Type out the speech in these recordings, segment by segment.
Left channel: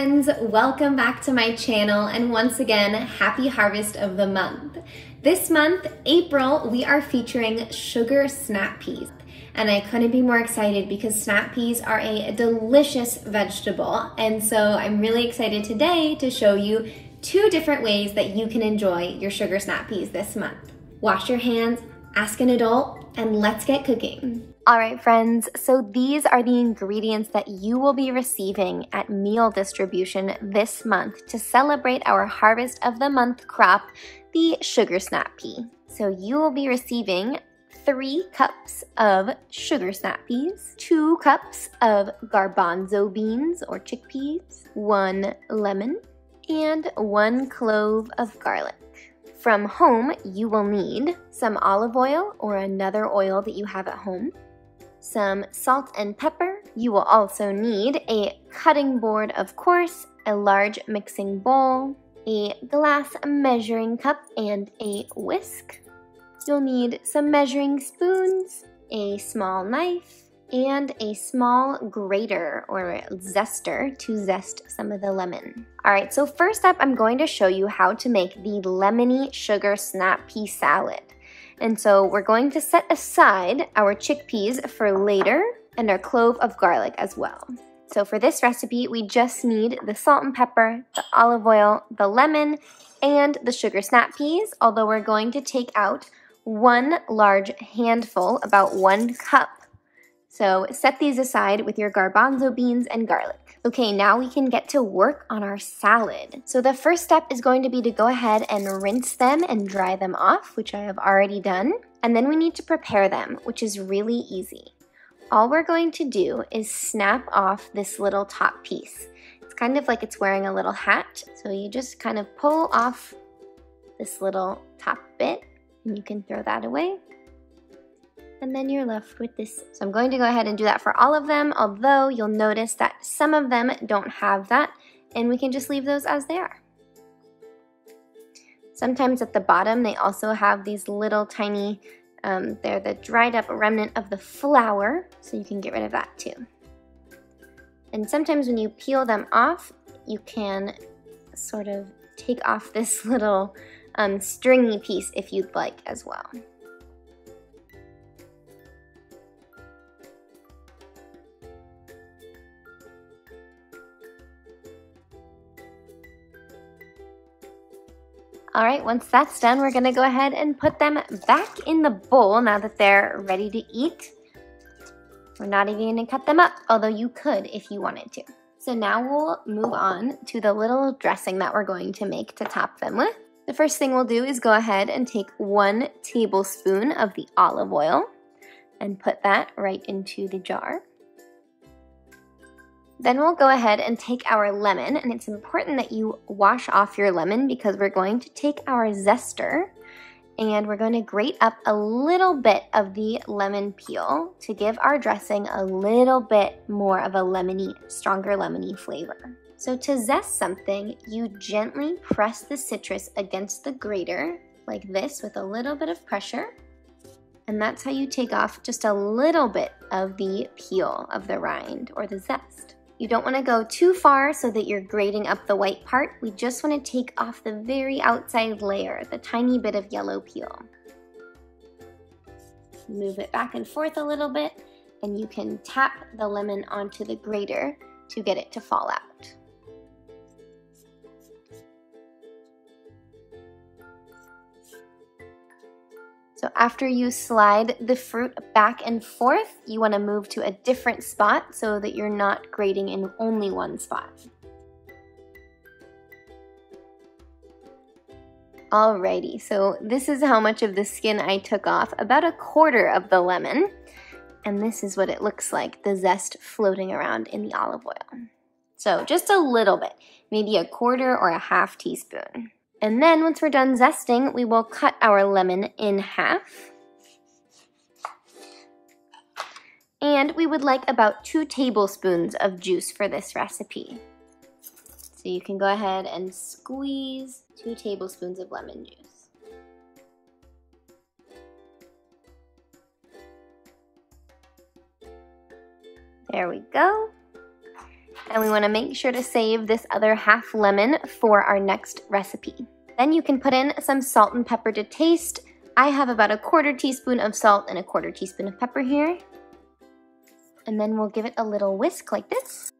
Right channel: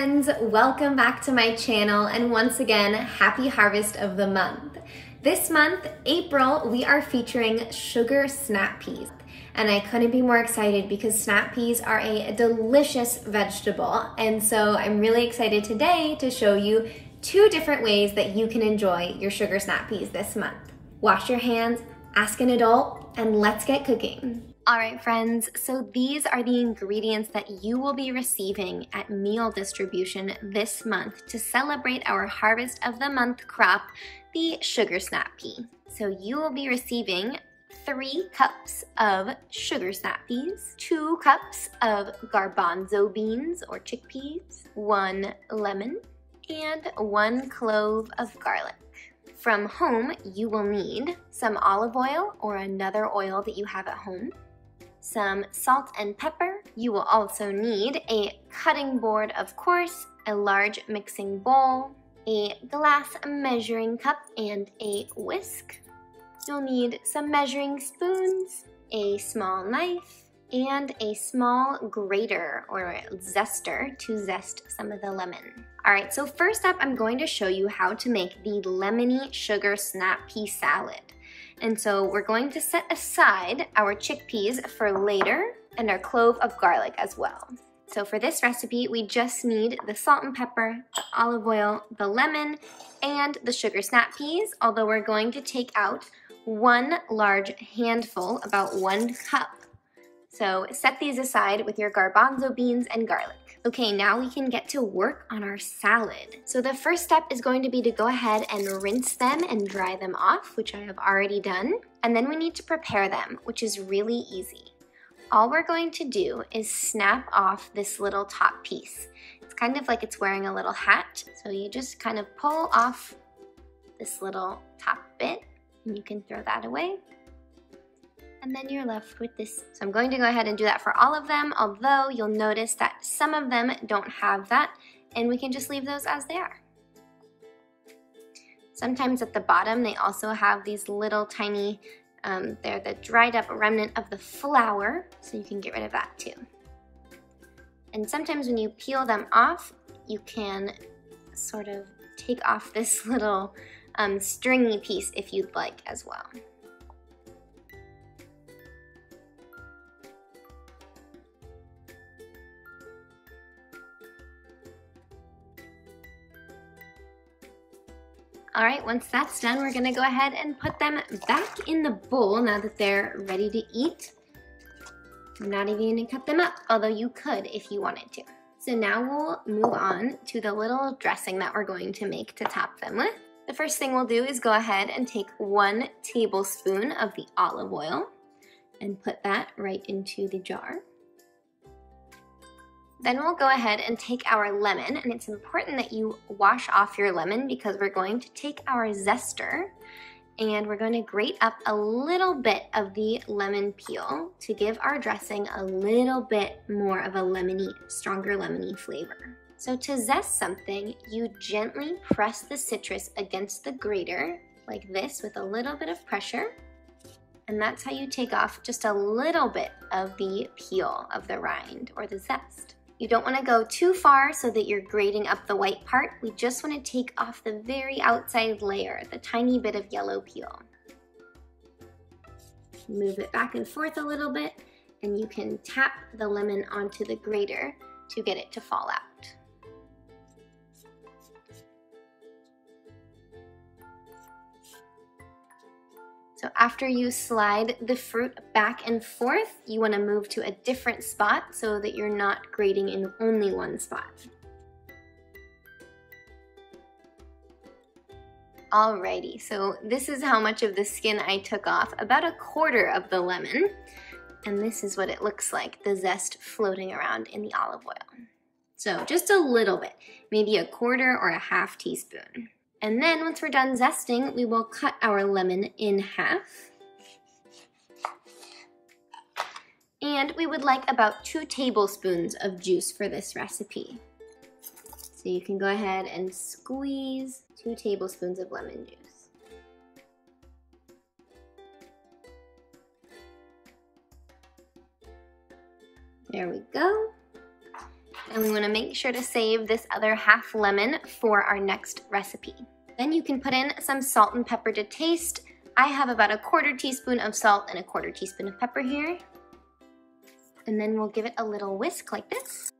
friends, welcome back to my channel, and once again, happy harvest of the month. This month, April, we are featuring sugar snap peas. And I couldn't be more excited because snap peas are a delicious vegetable. And so I'm really excited today to show you 2 different ways that you can enjoy your sugar snap peas this month. Wash your hands, ask an adult, and let's get cooking. All right, friends, so these are the ingredients that you will be receiving at meal distribution this month to celebrate our harvest of the month crop, the sugar snap pea. So you will be receiving 3 cups of sugar snap peas, 2 cups of garbanzo beans or chickpeas, 1 lemon, and 1 clove of garlic. From home, you will need some olive oil or another oil that you have at home, some salt and pepper. You will also need a cutting board, of course, a large mixing bowl, a glass measuring cup, and a whisk. You'll need some measuring spoons, a small knife, and a small grater or zester to zest some of the lemon. All right, so first up, I'm going to show you how to make the Lemony sugar snap pea salad. And so we're going to set aside our chickpeas for later and our clove of garlic as well. So for this recipe, we just need the salt and pepper, the olive oil, the lemon, and the sugar snap peas, although we're going to take out 1 large handful, about 1 cup. So set these aside with your garbanzo beans and garlic. Okay, now we can get to work on our salad. So the first step is going to be to go ahead and rinse them and dry them off, which I have already done. And then we need to prepare them, which is really easy. All we're going to do is snap off this little top piece. It's kind of like it's wearing a little hat. So you just kind of pull off this little top bit, and you can throw that away. And then you're left with this. So I'm going to go ahead and do that for all of them, although you'll notice that some of them don't have that, and we can just leave those as they are. Sometimes at the bottom, they also have these little tiny, they're the dried up remnant of the flour, so you can get rid of that too. And sometimes when you peel them off, you can sort of take off this little stringy piece if you'd like as well. All right, once that's done, we're gonna go ahead and put them back in the bowl now that they're ready to eat. We're not even gonna cut them up, although you could if you wanted to. So now we'll move on to the little dressing that we're going to make to top them with. The first thing we'll do is go ahead and take 1 tablespoon of the olive oil and put that right into the jar. Then we'll go ahead and take our lemon, and it's important that you wash off your lemon because we're going to take our zester and we're going to grate up a little bit of the lemon peel to give our dressing a little bit more of a lemony, stronger lemony flavor. So to zest something, you gently press the citrus against the grater like this with a little bit of pressure. And that's how you take off just a little bit of the peel of the rind or the zest. You don't want to go too far so that you're grating up the white part. We just want to take off the very outside layer, the tiny bit of yellow peel. Move it back and forth a little bit, and you can tap the lemon onto the grater to get it to fall out. So after you slide the fruit back and forth, you want to move to a different spot so that you're not grating in only one spot. Alrighty, so this is how much of the skin I took off, about 1/4 of the lemon. And this is what it looks like, the zest floating around in the olive oil. So just a little bit, maybe 1/4 or 1/2 teaspoon. And then once we're done zesting, we will cut our lemon in half. And we would like about 2 tablespoons of juice for this recipe. So you can go ahead and squeeze 2 tablespoons of lemon juice. There we go. And we want to make sure to save this other half lemon for our next recipe. Then you can put in some salt and pepper to taste. I have about 1/4 teaspoon of salt and 1/4 teaspoon of pepper here. And then we'll give it a little whisk like this.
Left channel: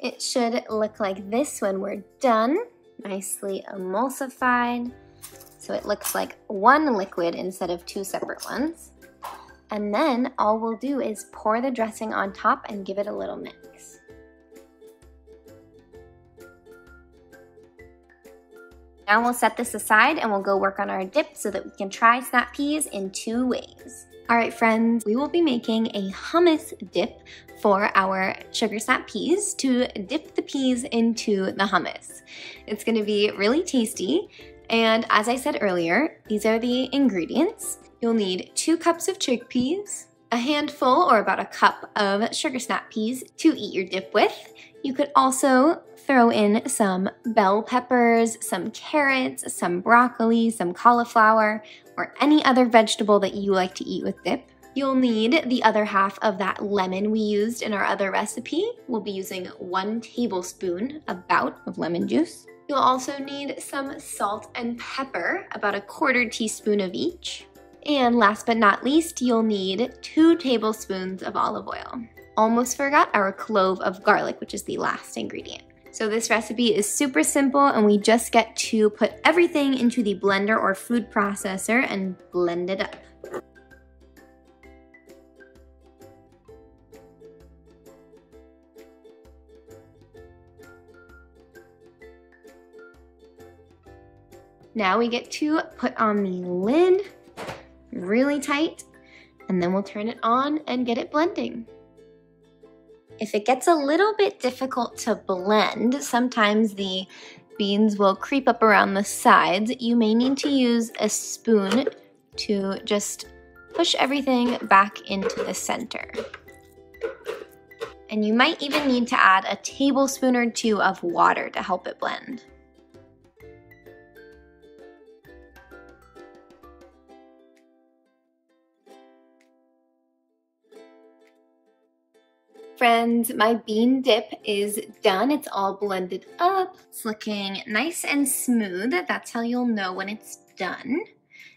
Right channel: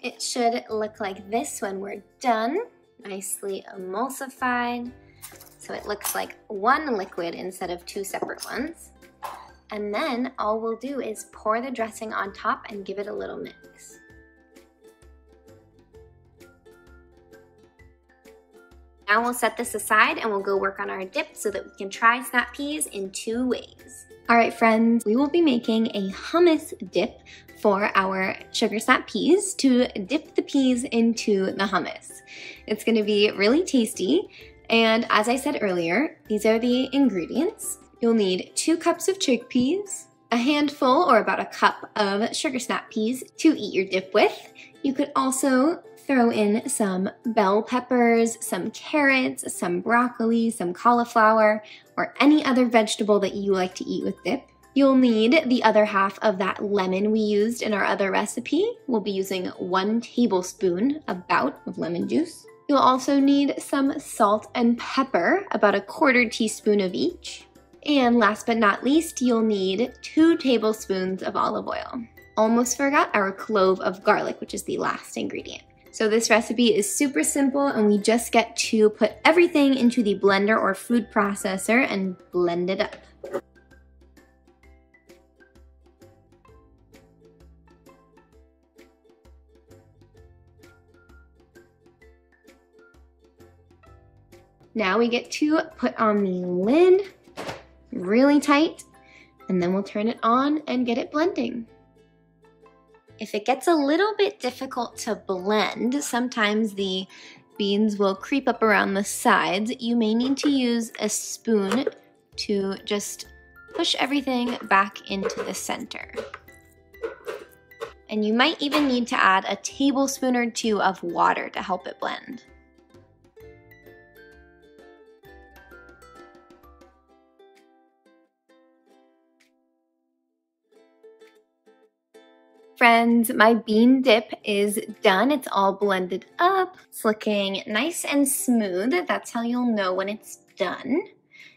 It should look like this when we're done, nicely emulsified. So it looks like one liquid instead of 2 separate ones. And then all we'll do is pour the dressing on top and give it a little mix. Now we'll set this aside and we'll go work on our dip so that we can try snap peas in 2 ways. All right, friends, we will be making a hummus dip for our sugar snap peas to dip the peas into the hummus. It's gonna be really tasty. And as I said earlier, these are the ingredients. You'll need 2 cups of chickpeas, a handful or about 1 cup of sugar snap peas to eat your dip with. You could also throw in some bell peppers, some carrots, some broccoli, some cauliflower, or any other vegetable that you like to eat with dip. You'll need the other half of that lemon we used in our other recipe. We'll be using 1 tablespoon about of lemon juice. You'll also need some salt and pepper, about 1/4 teaspoon of each. And last but not least, you'll need 2 tablespoons of olive oil. Almost forgot our clove of garlic, which is the last ingredient. So this recipe is super simple and we just get to put everything into the blender or food processor and blend it up. Now we get to put on the lid really tight, and then we'll turn it on and get it blending. If it gets a little bit difficult to blend, sometimes the beans will creep up around the sides. You may need to use a spoon to just push everything back into the center. And you might even need to add a tablespoon or 2 of water to help it blend. Friends, my bean dip is done. It's all blended up. It's looking nice and smooth. That's how you'll know when it's done.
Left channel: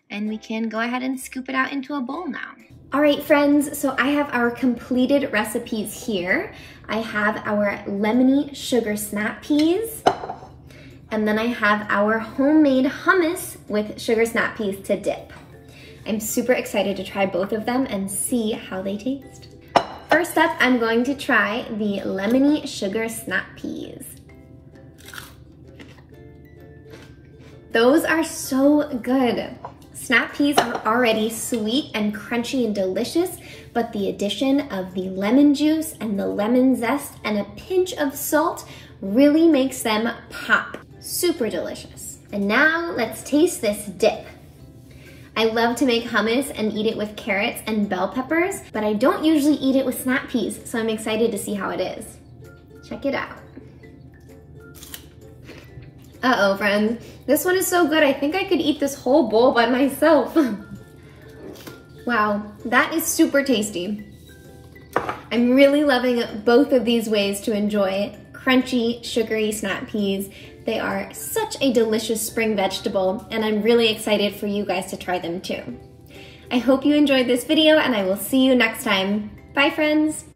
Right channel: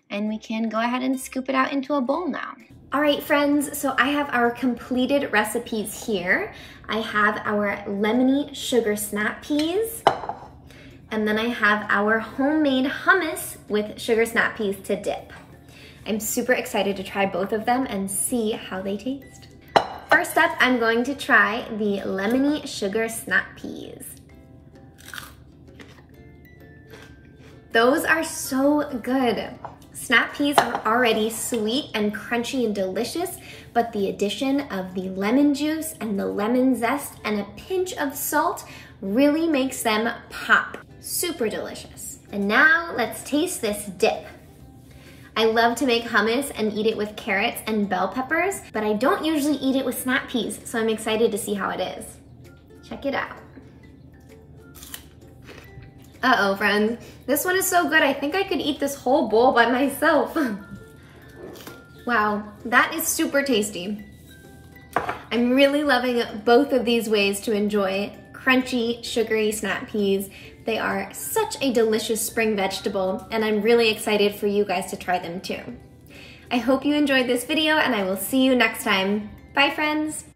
And we can go ahead and scoop it out into a bowl now. All right, friends, so I have our completed recipes here. I have our lemony sugar snap peas, and then I have our homemade hummus with sugar snap peas to dip. I'm super excited to try both of them and see how they taste. First up, I'm going to try the lemony sugar snap peas. Those are so good. Snap peas are already sweet and crunchy and delicious, but the addition of the lemon juice and the lemon zest and a pinch of salt really makes them pop. Super delicious. And now let's taste this dip. I love to make hummus and eat it with carrots and bell peppers, but I don't usually eat it with snap peas, so I'm excited to see how it is. Check it out. Uh-oh, friends. This one is so good, I think I could eat this whole bowl by myself. Wow, that is super tasty. I'm really loving both of these ways to enjoy crunchy, sugary snap peas. They are such a delicious spring vegetable, and I'm really excited for you guys to try them too. I hope you enjoyed this video, and I will see you next time. Bye, friends.